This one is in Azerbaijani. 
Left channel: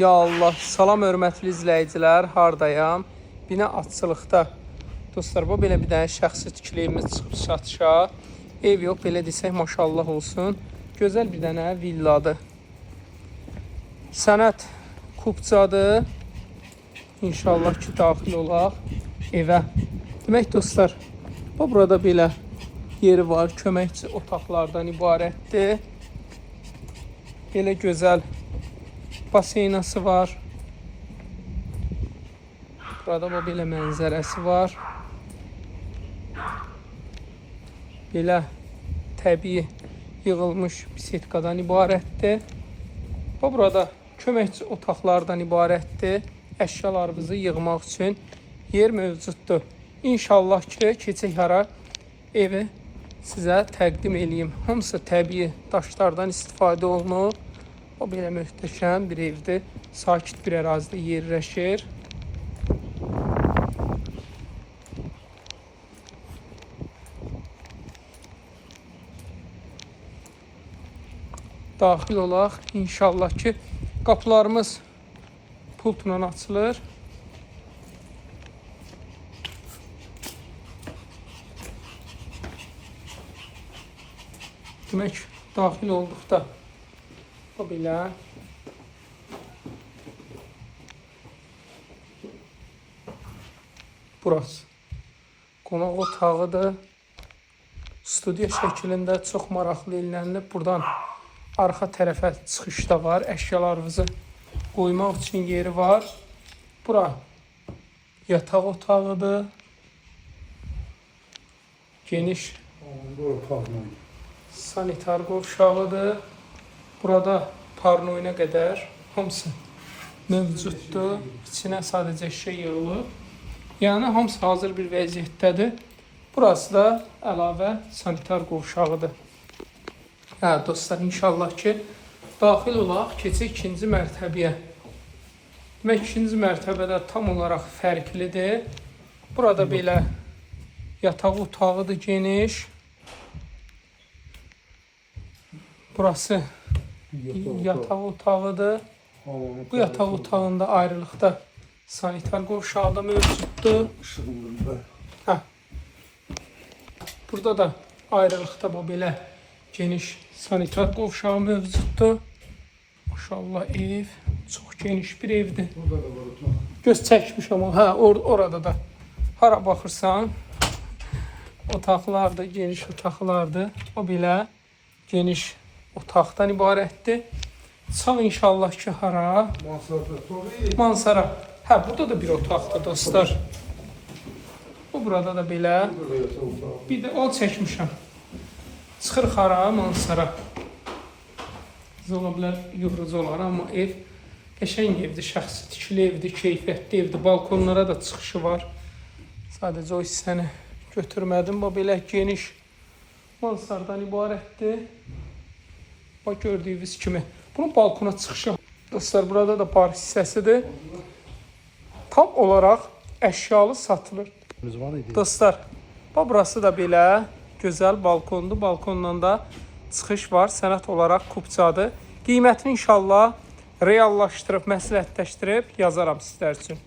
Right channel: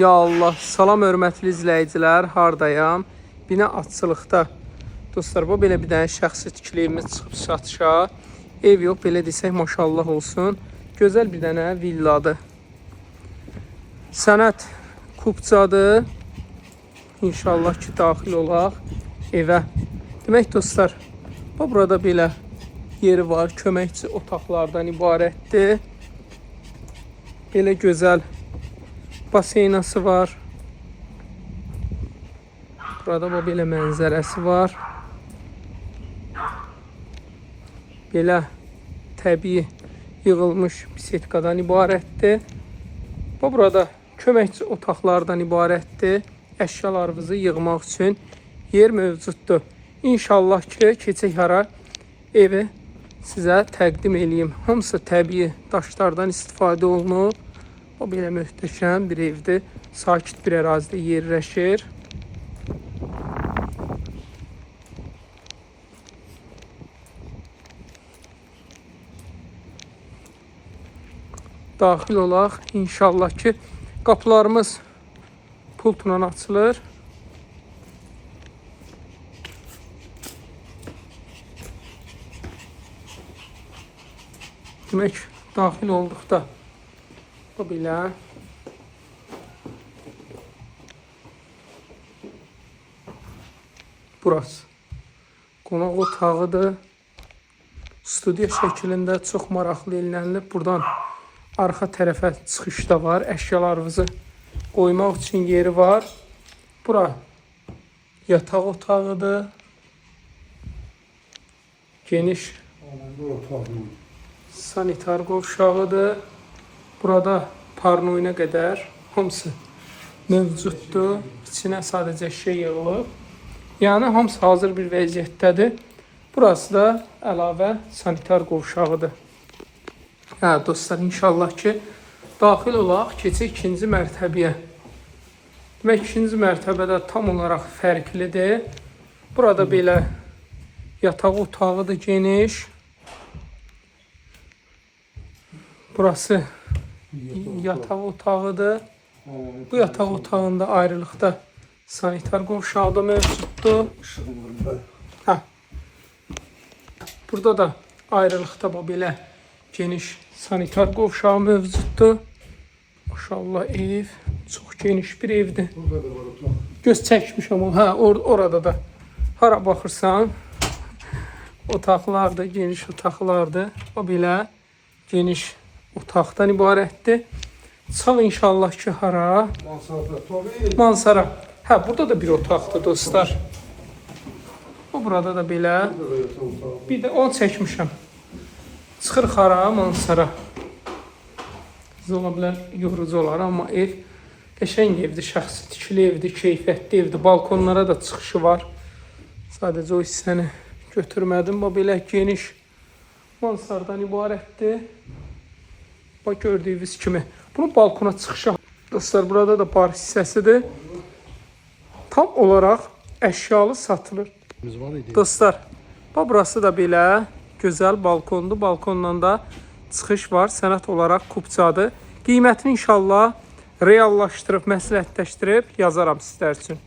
Ya Allah, salam hörmətli izləyicilər, hardayam? Bina açılıqda. Dostlar, bu belə bir dənə şəxsi tikiliyimiz çıxıb satışa. Ev yox, belə desək maşallah olsun. Gözəl bir dənə villadır. Sənət Kupçadır. İnşallah ki, daxil olaq evə. Demək dostlar, burada belə yeri var, köməkçi otaqlardan ibarətdir. Belə gözəl baseynası var. Burada belə mənzərəsi var. Belə təbii yığılmış bisetkadan ibarətdir. Bu burada köməkçi otaqlardan ibarətdir. Əşyalarınızı yığmaq üçün yer mövcuddur. İnşallah ki, keçək ara evi sizə təqdim edeyim. Hamısı təbii daşlardan istifadə olunur. O belə möhtəşəm bir evdir. Sakit bir ərazidə yerləşir. Daxil olaq. İnşallah ki, qapılarımız pultla açılır. Demək, daxil olduqda bu belə burası qonaq otağıdır. Studiya şəklində çox maraqlı elənilib. Buradan arxa tərəfə çıxış da var. Əşyalarınızı qoymaq üçün yeri var. Bura yataq otağıdır. Geniş sanitar qovşağıdır. Burada parnoyuna qədər hamısı mövcuddur. İçinə sadəcə şey yığılıb. Yəni hamısı hazır bir vəziyyətdədir. Burası da əlavə sanitar qovşağıdır. Hə dostlar, inşallah ki, daxil olaq, keçək ikinci mərtəbəyə. Demək, ikinci mərtəbədə tam olaraq fərqlidir. Burada belə yataq otağıdır, geniş. Burası yataq otağıdır. Bu yataq otağında ayrılıqda sanitar qovşağı da mövcuddur. Hə. Burada da ayrılıqda bu belə geniş sanitar qovşağı mövcuddur. Maşallah ev çox geniş bir evdir. Göz çəkmiş olun. Hə, orada da hara baxırsan otaqlardır, geniş otaqlardır. O belə geniş otaqdan ibarətdir. Sağ inşallah ki, hara? Mansara. Hə, burada da bir otaqdır dostlar. Bu burada da belə. Bir də onu çəkmişəm. Çıxırıq hara? Mansara. Ola bilər, yorucu olar, amma ev qəşəng evdir, şəxsi tikili evdir, keyfiyyətli evdir. Balkonlara da çıxışı var. Sadəcə o hissəni götürmədim. Bu belə geniş mansardan ibarətdir. Bax, gördüyünüz kimi. Bu balkona çıxışa. Dostlar, burada da bar hissəsidir. Tam olaraq əşyalı satılır. Dostlar, burası da belə gözəl balkondur. Balkondan da çıxış var. Sənət olaraq Kupçadır. Qiymətini inşallah reallaşdırıb, məsləhətləşdirib yazaram sizlər üçün.